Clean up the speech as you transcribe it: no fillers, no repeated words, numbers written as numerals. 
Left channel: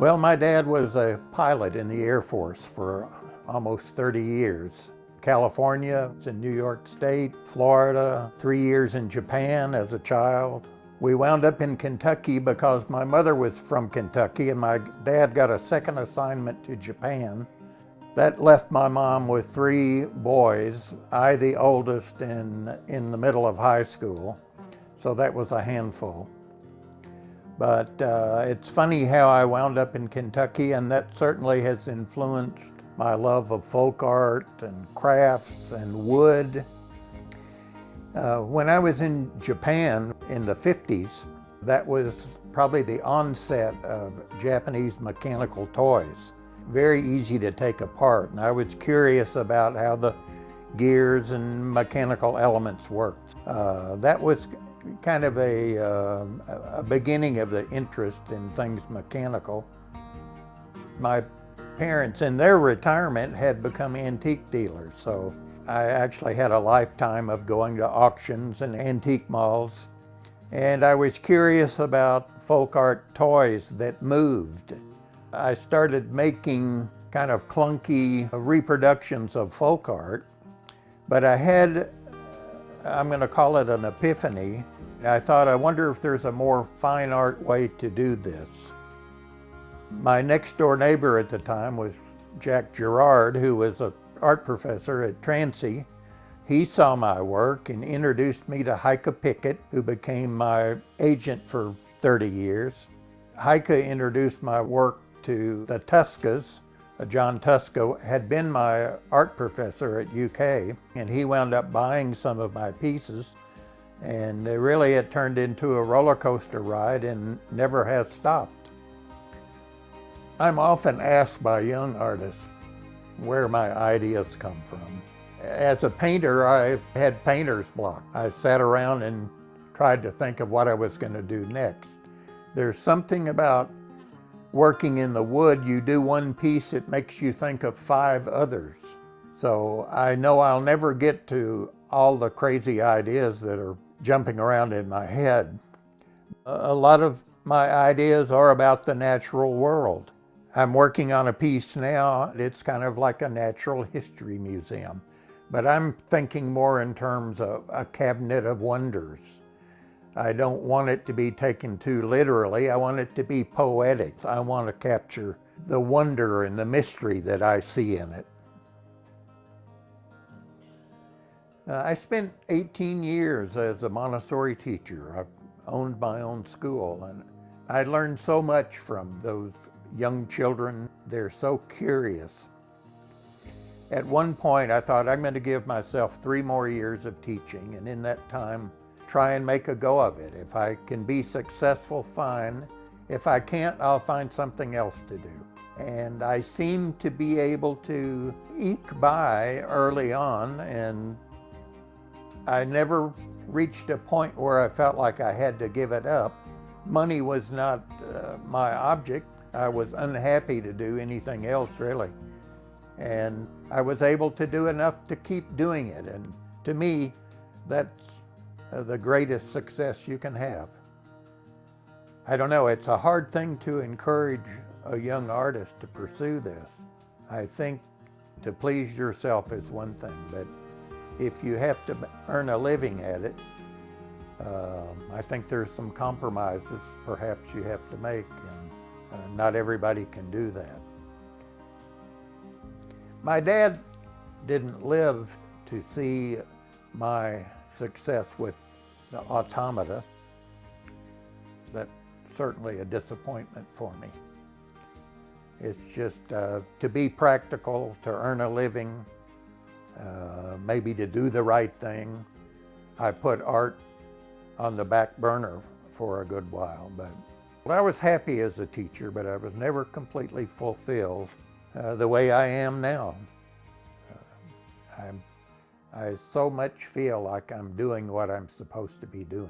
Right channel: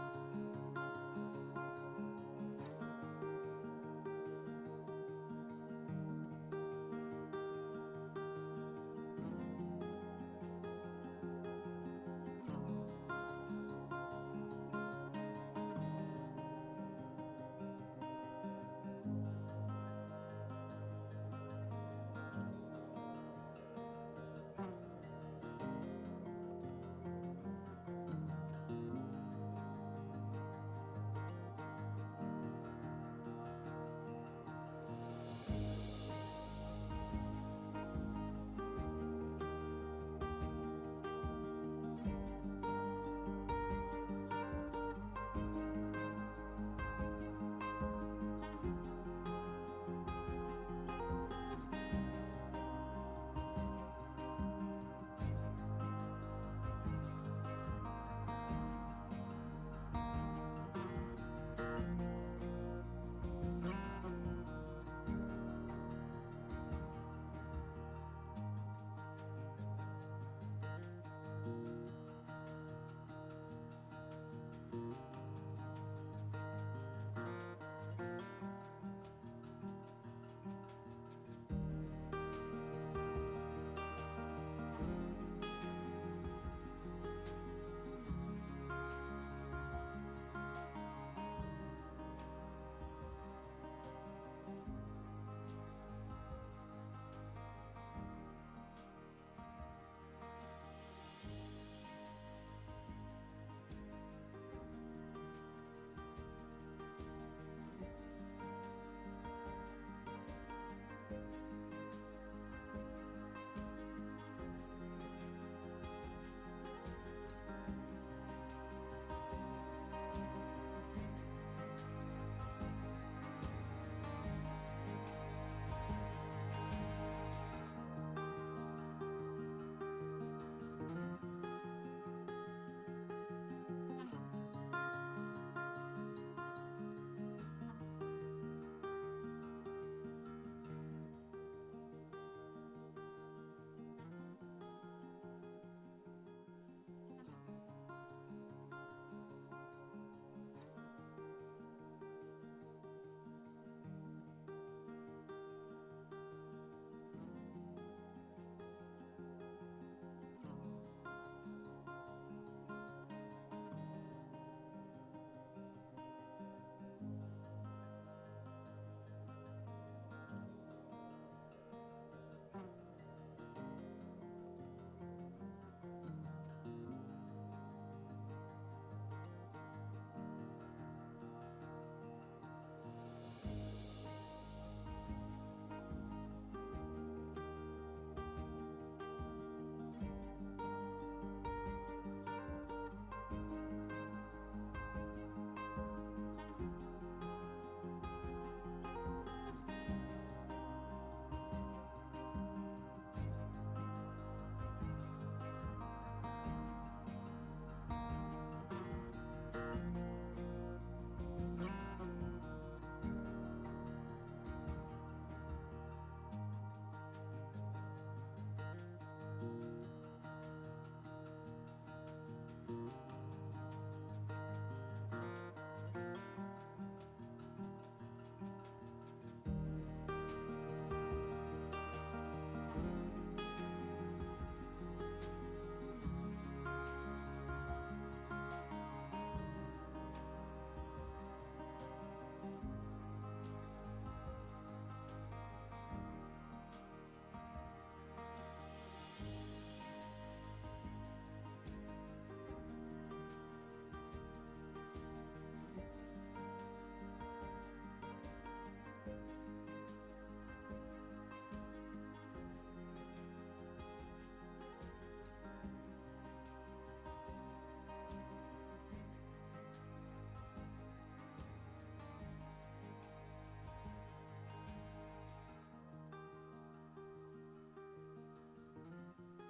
Well, my dad was a pilot in the Air Force for almost 30 years. California, in New York State, Florida, 3 years in Japan as a child. We wound up in Kentucky because my mother was from Kentucky and my dad got a second assignment to Japan. That left my mom with 3 boys, I the oldest and in the middle of high school, so that was a handful. But it's funny how I wound up in Kentucky, and that certainly has influenced my love of folk art and crafts and wood. When I was in Japan in the 50s, that was probably the onset of Japanese mechanical toys. Very easy to take apart, and I was curious about how the gears and mechanical elements worked. That was kind of a beginning of the interest in things mechanical. My parents in their retirement had become antique dealers, so I actually had a lifetime of going to auctions and antique malls, and I was curious about folk art toys that moved. I started making kind of clunky reproductions of folk art, but I had, I'm going to call it an epiphany. I thought, I wonder if there's a more fine art way to do this. My next door neighbor at the time was Jack Gerard, who was an art professor at Transy. He saw my work and introduced me to Heike Pickett, who became my agent for 30 years. Heike introduced my work to the Tuskas. John Tuska had been my art professor at UK, and he wound up buying some of my pieces. And really it turned into a roller coaster ride and never has stopped. I'm often asked by young artists where my ideas come from. As a painter, I had painter's block. I sat around and tried to think of what I was going to do next. There's something about working in the wood. You do one piece, it makes you think of 5 others. So I know I'll never get to all the crazy ideas that are jumping around in my head. A lot of my ideas are about the natural world. I'm working on a piece now. It's kind of like a natural history museum, but I'm thinking more in terms of a cabinet of wonders. I don't want it to be taken too literally. I want it to be poetic. I want to capture the wonder and the mystery that I see in it. I spent 18 years as a Montessori teacher. I owned my own school, and I learned so much from those young children. They're so curious. At one point, I thought, I'm going to give myself 3 more years of teaching, and in that time, try and make a go of it. If I can be successful, fine. If I can't, I'll find something else to do. And I seemed to be able to eke by early on, and I never reached a point where I felt like I had to give it up. Money was not my object. I was unhappy to do anything else, really. And I was able to do enough to keep doing it. And to me, that's the greatest success you can have. I don't know, it's a hard thing to encourage a young artist to pursue this. I think to please yourself is one thing, but if you have to earn a living at it, I think there's some compromises perhaps you have to make, and not everybody can do that. My dad didn't live to see my success with the automata. That's certainly a disappointment for me. It's just to be practical, to earn a living, maybe to do the right thing. I put art on the back burner for a good while, but I was happy as a teacher, but I was never completely fulfilled the way I am now. I so much feel like I'm doing what I'm supposed to be doing.